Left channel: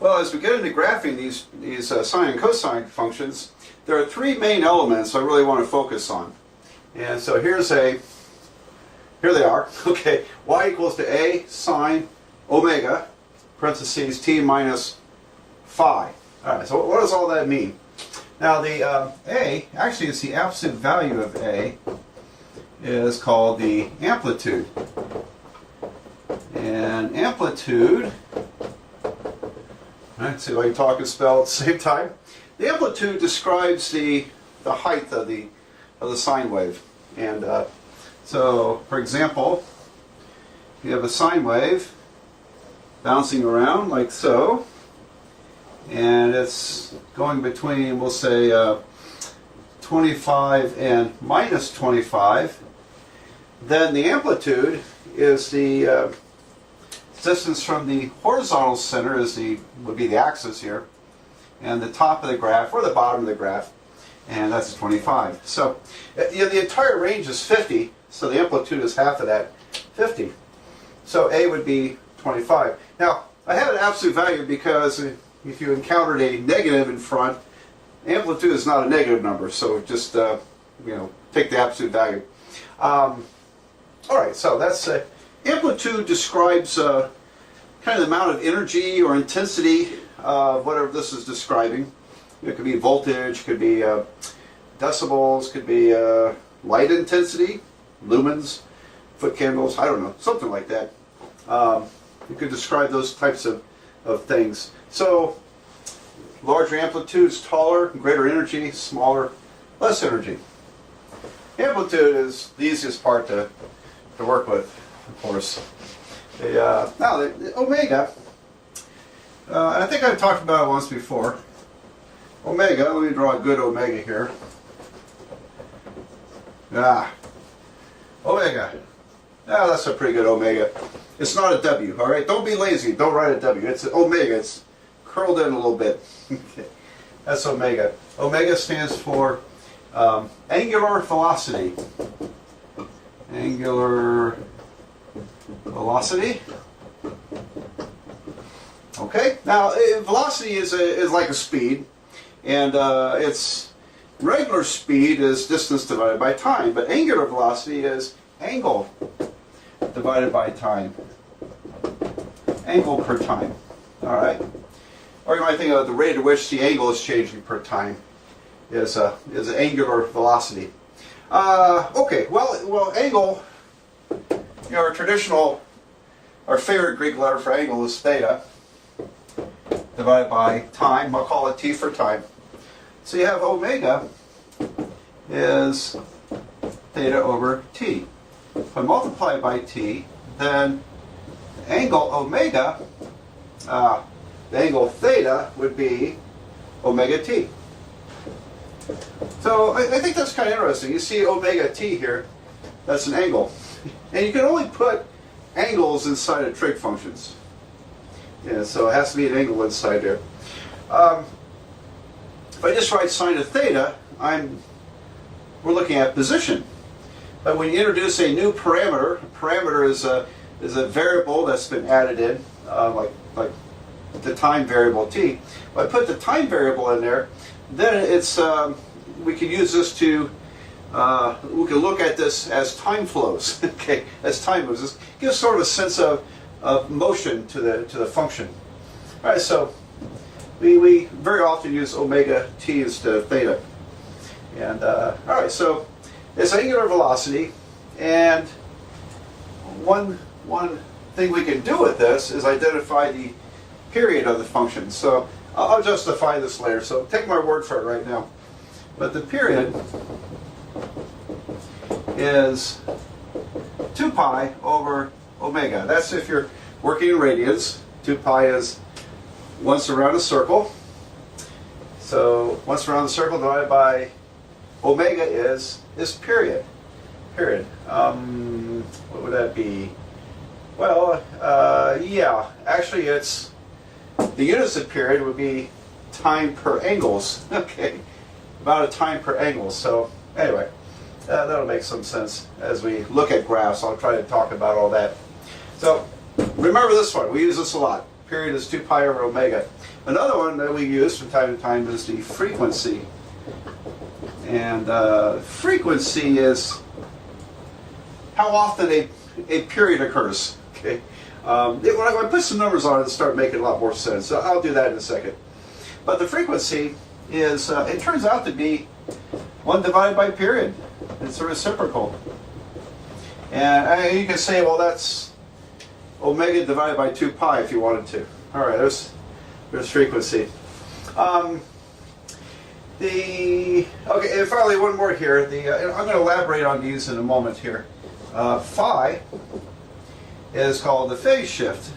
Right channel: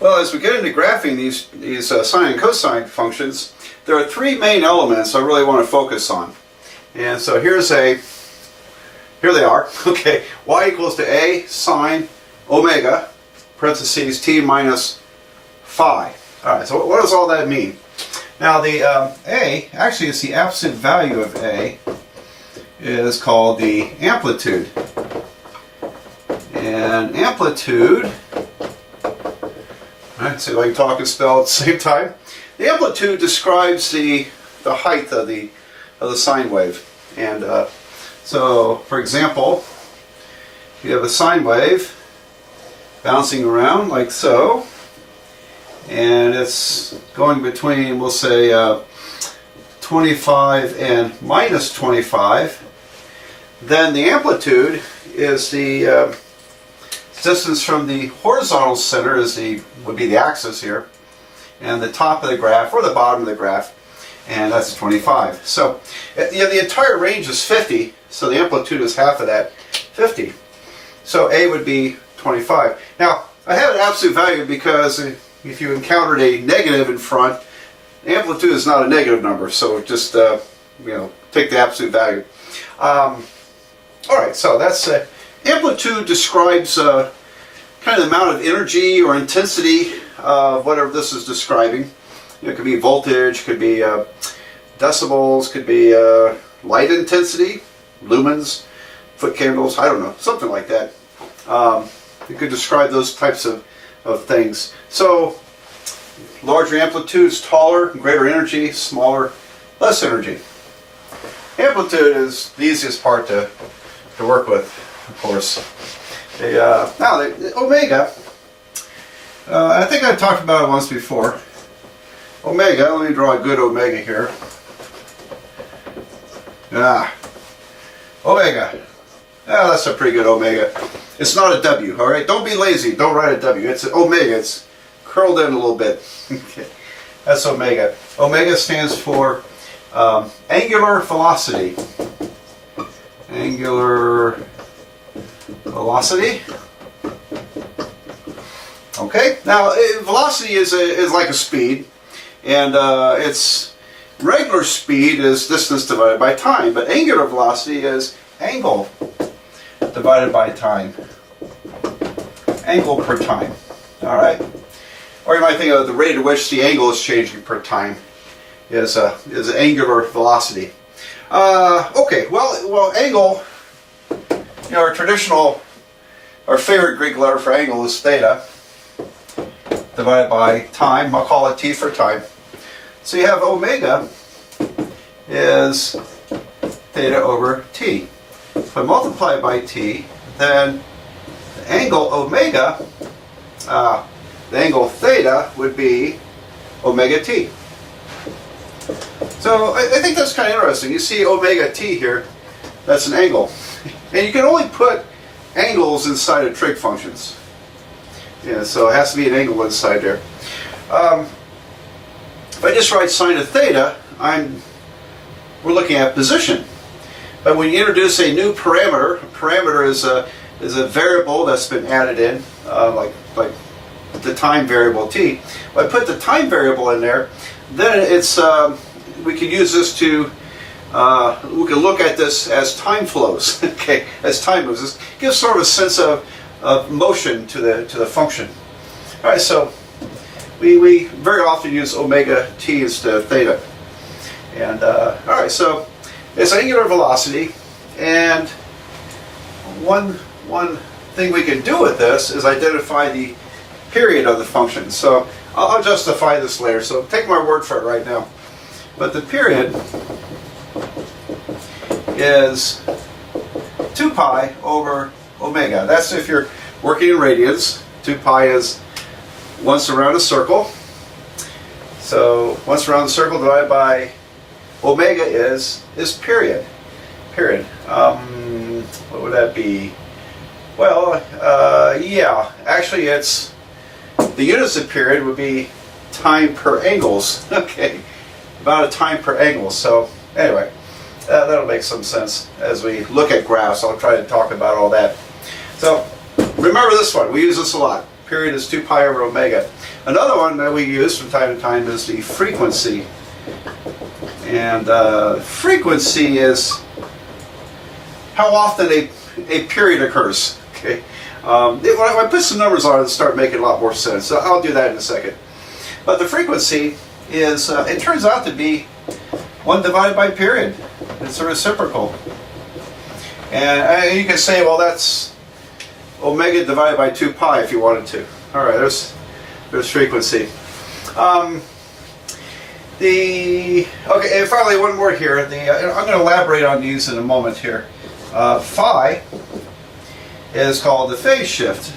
Well, as we get into graphing these sine and cosine functions, there are three main elements I really want to focus on. And so here they are. Okay, y equals to a sine omega, parentheses t minus phi. All right, so what does all that mean? Now the a, actually it's the absolute value of a, is called the amplitude. And amplitude, let's see if I can talk and spell at the same time. The amplitude describes the height of the sine wave. And so, for example, you have a sine wave bouncing around like so, and it's going between, we'll say, 25 and minus 25. Then the amplitude is the distance from the horizontal center would be the axis here, and the top of the graph or the bottom of the graph, and that's 25. So the entire range is 50, so the amplitude is half of that, 50. So A would be 25. Now I have an absolute value because if you encountered a negative in front, amplitude is not a negative number, so just take the absolute value. All right, so that's amplitude describes kind of the amount of energy or intensity of whatever this is describing. It could be voltage, could be decibels, could be light intensity, lumens, foot candles, I don't know, something like that. It could describe those types of things. So larger amplitudes, taller, greater energy, smaller, less energy. Amplitude is the easiest part to work with, of course. Now the omega, I think I talked about it once before. Omega, let me draw a good omega here. Omega. That's a pretty good omega. It's not a W, all right? Don't be lazy. Don't write a W. It's an omega. It's curled in a little bit. Okay. That's omega. Omega stands for angular velocity. Angular velocity. Okay. Now, velocity is like a speed, and its regular speed is distance divided by time, but angular velocity is angle divided by time. Angle per time. All right. Or you might think of the rate at which the angle is changing per time is angular velocity. Okay. Well, angle. Our favorite Greek letter for angle is theta divided by time. I'll call it t for time. So you have omega is theta over t. If I multiply it by t, then the angle omega, the angle theta would be omega t. So I think that's kind of interesting. You see omega t here, that's an angle. And you can only put angles inside of trig functions. Yeah, so it has to be an angle inside there. If I just write sine of theta, we're looking at position. But when you introduce a new parameter, a parameter is a variable that's been added in, like the time variable t. If I put the time variable in there, then we can use this to we can look at this as time flows. Okay, as time moves, this gives sort of a sense of motion to the function. All right, so we very often use omega t instead of theta. And all right, so it's angular velocity, and one thing we can do with this is identify the period of the function. So I'll justify this later. So take my word for it right now. But the period is 2 pi over omega. That's if you're working in radians. 2 pi is once around a circle. So once around the circle divided by omega is period. Period. What would that be? Well, yeah. Actually, it's the units of period would be time per angles. Okay, about a time per angle. So anyway, that'll make some sense as we look at graphs. I'll try to talk about all that. So remember this one. We use this a lot. Period is 2 pi over omega. Another one that we use from time to time is the frequency. And frequency is how often a period occurs. Okay. When I put some numbers on it, it'll start making a lot more sense. So I'll do that in a second. But the frequency is, it turns out to be 1 divided by period. It's a reciprocal. And you can say, well, that's omega divided by 2 pi if you wanted to. All right, there's frequency. Okay, and finally one more here. I'm going to elaborate on these in a moment here. Phi is called the phase shift.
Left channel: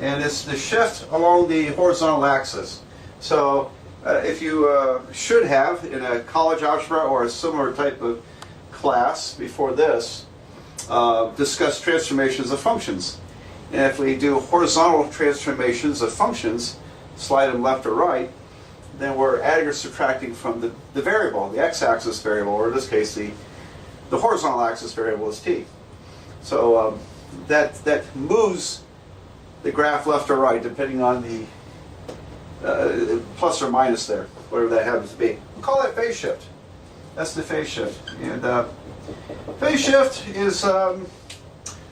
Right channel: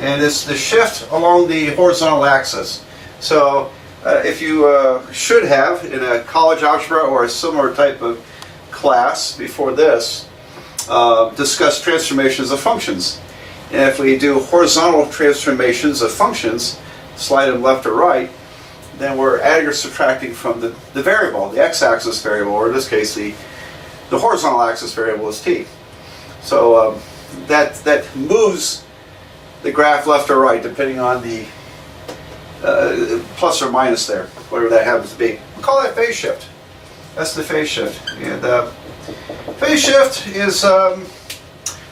And it's the shift along the horizontal axis. So if you should have in a college algebra or a similar type of class before this, discuss transformations of functions. And if we do horizontal transformations of functions, slide them left or right, then we're adding or subtracting from the variable, the x-axis variable, or in this case the horizontal axis variable is t. So that moves the graph left or right depending on the plus or minus there, whatever that happens to be. We'll call that phase shift. That's the phase shift. And phase shift is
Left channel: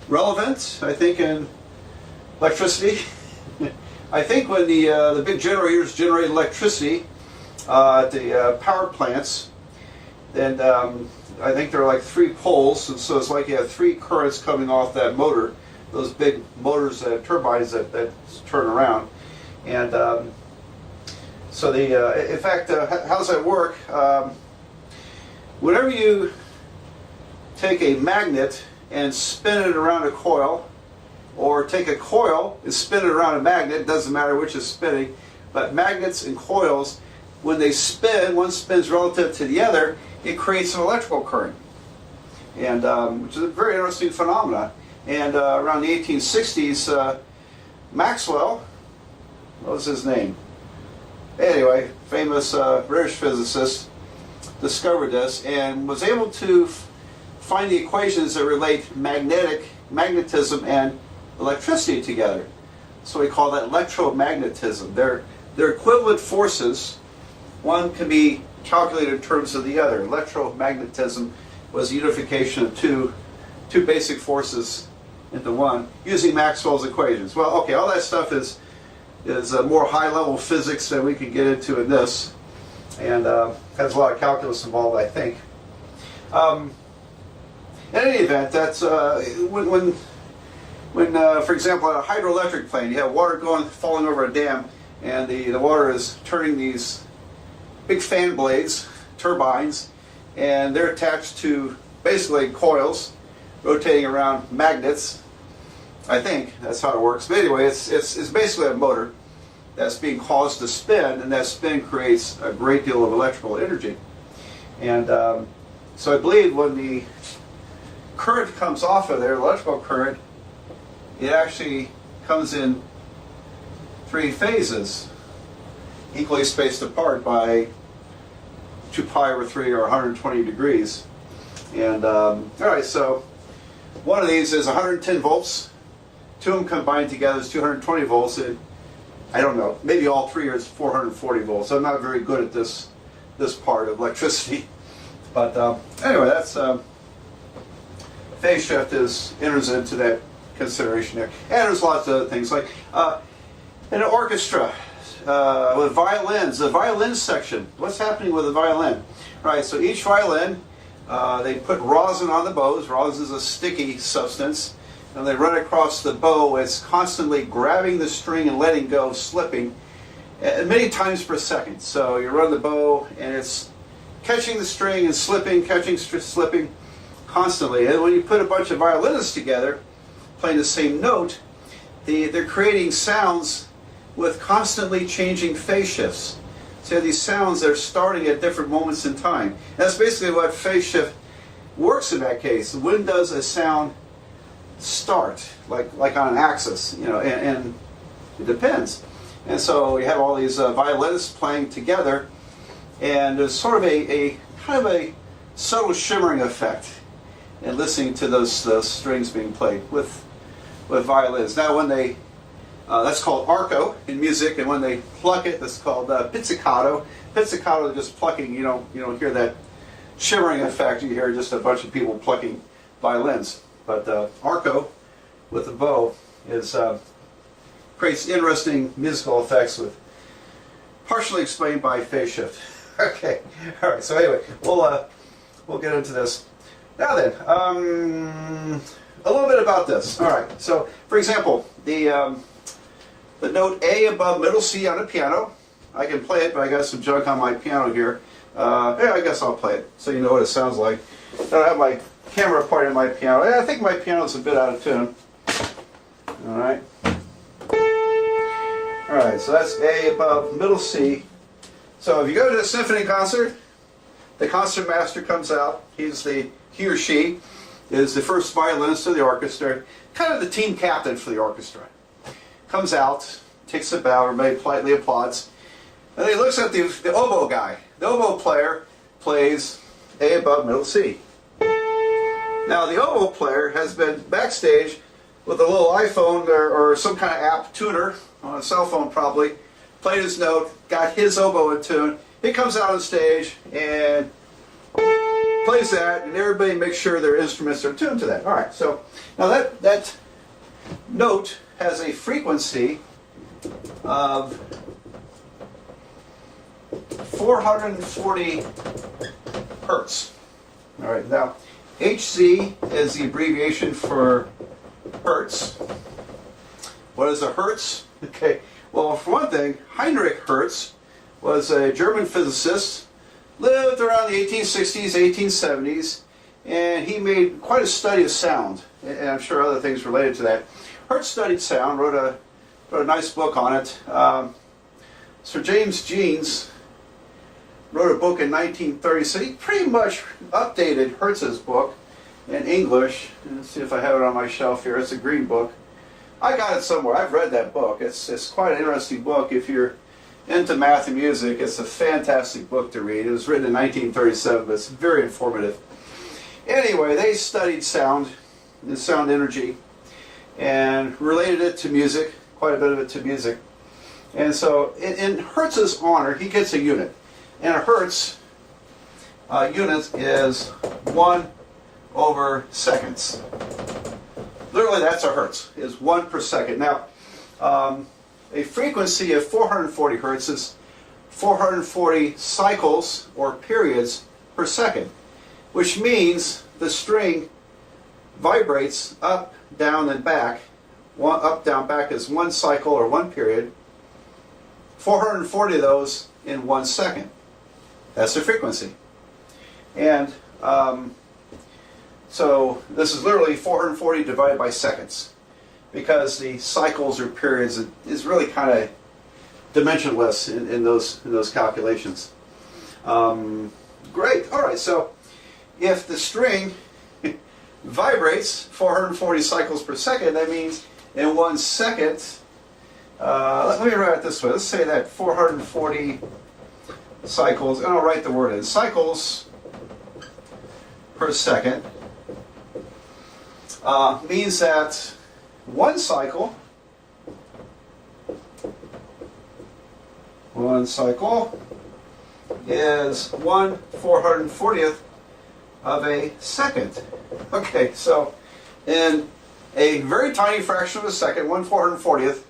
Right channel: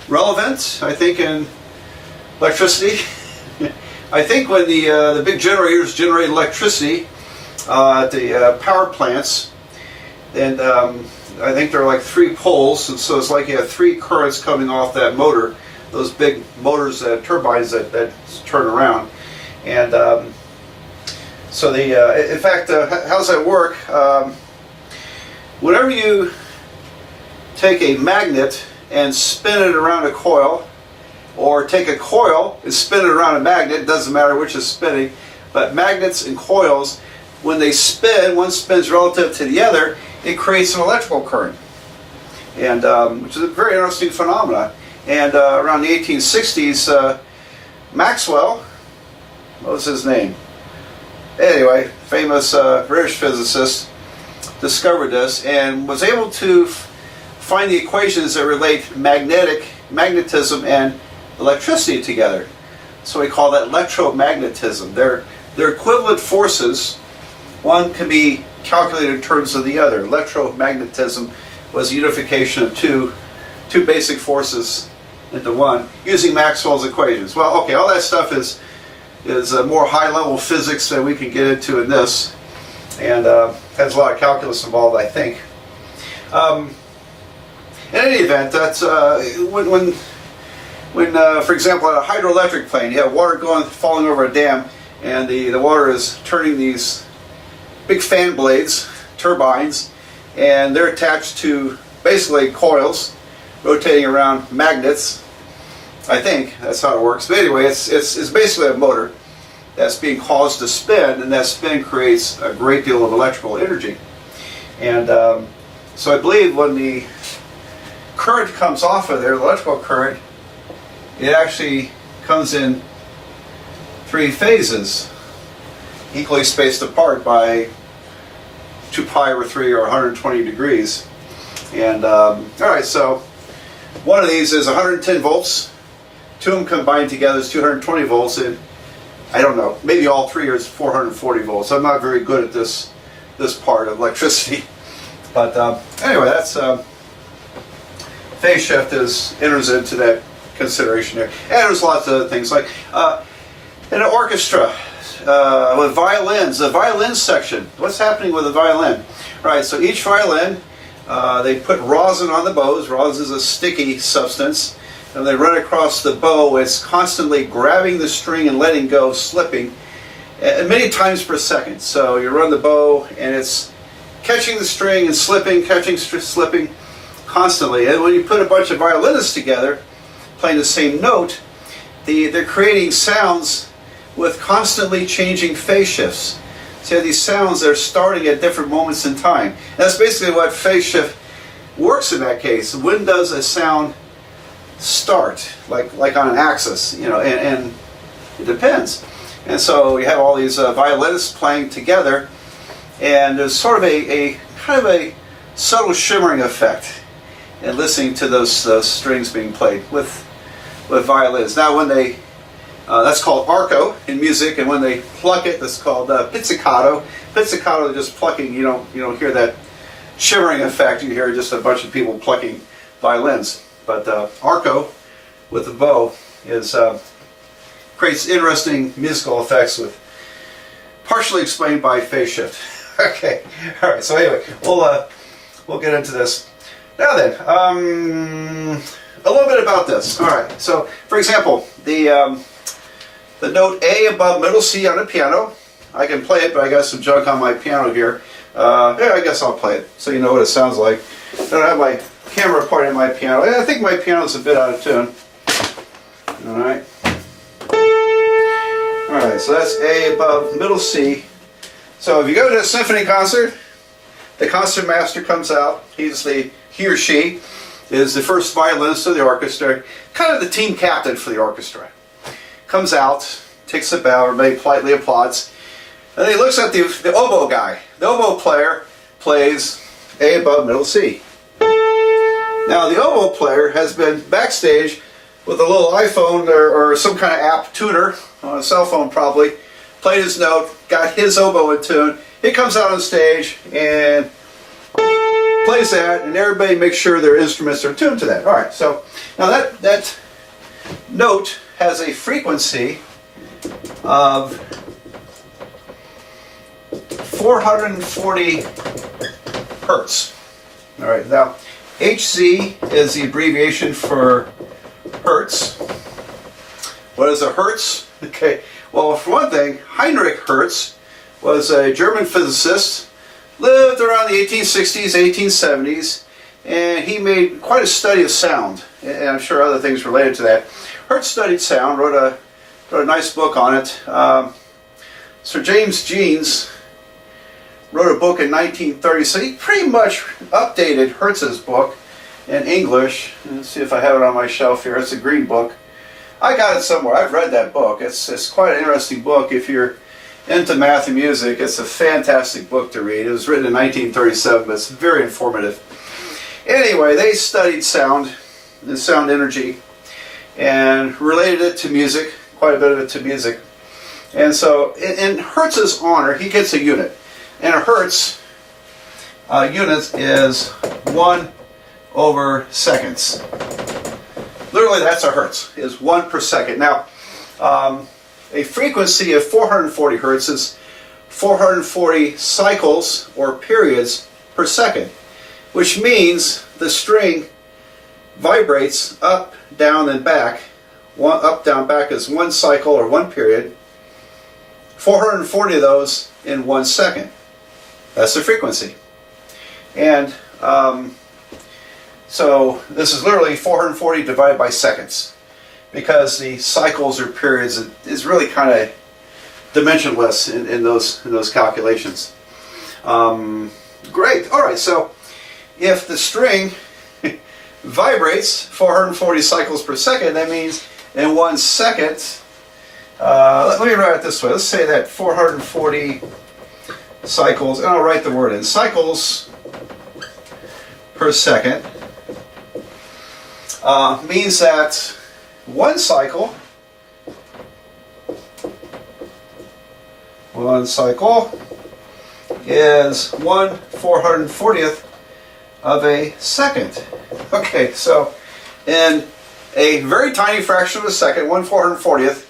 relevant, I think, in electricity. I think when the big generators generate electricity at the power plants, and I think there are like 3 poles, and so it's like you have 3 currents coming off that motor, those big motors, turbines that turn around. And so in fact, how does that work? Whenever you take a magnet and spin it around a coil, or take a coil and spin it around a magnet, it doesn't matter which is spinning, but magnets and coils, when they spin, one spins relative to the other, it creates an electrical current, and which is a very interesting phenomenon. And around the 1860s, Maxwell, what was his name? Anyway, famous British physicist, discovered this and was able to find the equations that relate magnetism and electricity together. So we call that electromagnetism. They're equivalent forces. One can be calculated in terms of the other. Electromagnetism was a unification of two basic forces into one using Maxwell's equations. Well, okay, all that stuff is more high-level physics than we can get into in this, and has a lot of calculus involved, I think. In any event, that's when for example, at a hydroelectric plant, you have water falling over a dam, and the water is turning these big fan blades, turbines, and they're attached to basically coils rotating around magnets. I think that's how it works. But anyway, it's basically a motor that's being caused to spin, and that spin creates a great deal of electrical energy. And so I believe when the current comes off of there, the electrical current, it actually comes in 3 phases, equally spaced apart by 2 pi over 3 or 120 degrees. And all right, so one of these is 110 volts. 2 of them combined together is 220 volts, and I don't know, maybe all 3 are 440 volts. I'm not very good at this part of electricity, but anyway, that's phase shift enters into that consideration there. And there's lots of things like in an orchestra with violins, the violin section. What's happening with the violin? Right, so each violin, they put rosin on the bows. Rosin is a sticky substance, and they run across the bow. It's constantly grabbing the string and letting go, slipping, many times per second. So you run the bow, and it's catching the string and slipping, catching, slipping constantly. And when you put a bunch of violinists together, playing the same note, they're creating sounds with constantly changing phase shifts. So you have these sounds that are starting at different moments in time. And that's basically what phase shift works in that case. When does a sound start, like on an axis, and it depends. And so you have all these violinists playing together, and there's sort of a kind of a subtle shimmering effect in listening to those strings being played with violins. Now when they That's called arco in music, and when they pluck it, that's called pizzicato. Pizzicato is just plucking. You don't hear that shimmering effect. You hear just a bunch of people plucking violins. But arco with the bow is creates interesting musical effects, with partially explained by phase shift. Okay, all right. So anyway, we'll get into this now. Then a little bit about this. All right. So for example, the note A above middle C on a piano. I can play it, but I got some junk on my piano here. Yeah, I guess I'll play it so you know what it sounds like. I don't have my camera pointing at my piano. I think my piano's a bit out of tune. All right. All right, so that's A above middle C. So if you go to a symphony concert, the concertmaster comes out. He or she is the first violinist of the orchestra, kind of the team captain for the orchestra. Comes out, takes the bow, or maybe politely applauds, and he looks at the oboe guy. The oboe player plays A above middle C. Now the oboe player has been backstage with a little iPhone or some kind of app tuner on a cell phone, probably played his note, got his oboe in tune. He comes out on stage and plays that, and everybody makes sure their instruments are tuned to that. All right, so now that note has a frequency of 440 hertz. All right, now Hz is the abbreviation for hertz. What is a hertz? Okay, well, for one thing, Heinrich Hertz was a German physicist, lived around the 1860s, 1870s, and he made quite a study of sound, and I'm sure other things related to that. Hertz studied sound, wrote a nice book on it. Sir James Jeans wrote a book in 1930, so he pretty much updated Hertz's book in English. Let's see if I have it on my shelf here. It's a green book. I got it somewhere. I've read that book. It's quite an interesting book if you're into math and music. It's a fantastic book to read. It was written in 1937, but it's very informative. Anyway, they studied sound and sound energy and related it to music, quite a bit of it to music. And so in Hertz's honor, he gets a unit. And a Hertz unit is 1 over seconds. Literally, that's a Hertz, is 1 per second. Now, a frequency of 440 Hertz is 440 cycles or periods per second, which means the string vibrates up, down, and back. Up, down, back is 1 cycle or 1 period. 440 of those in 1 second. That's the frequency. And so this is literally 440 divided by seconds, because the cycles or periods is really kind of dimensionless in those calculations. Great. All right. So if the string vibrates 440 cycles per second, that means in 1 second. Let me write it this way. Let's say that 440 cycles, and I'll write the word in, cycles per second means that 1 cycle is 1/440th of a second. Okay, so in a very tiny fraction of a second, 1/440th,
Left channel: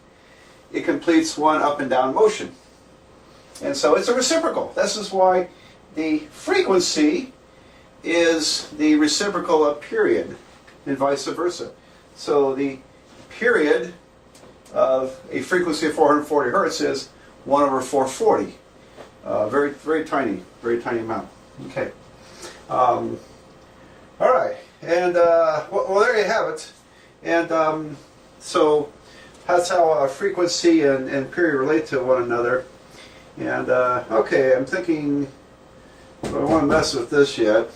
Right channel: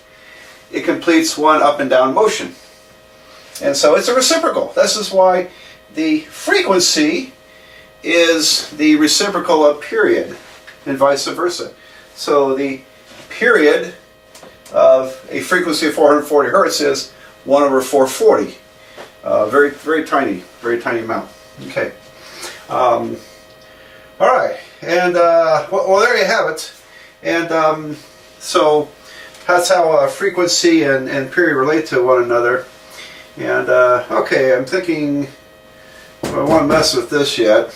it completes one up and down motion. And so it's a reciprocal. This is why the frequency is the reciprocal of period, and vice versa. So the period of a frequency of 440 hertz is 1 over 440. Very, very tiny amount. Okay. All right. And well, there you have it. And so that's how frequency and period relate to one another. And okay, I'm thinking, well, I don't want to mess with this yet.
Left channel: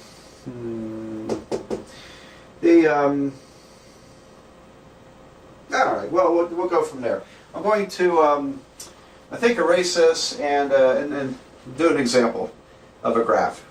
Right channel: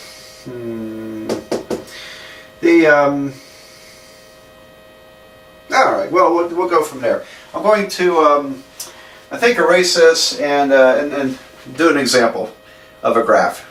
All right, well, we'll go from there. I'm going to, I think, erase this and do an example of a graph.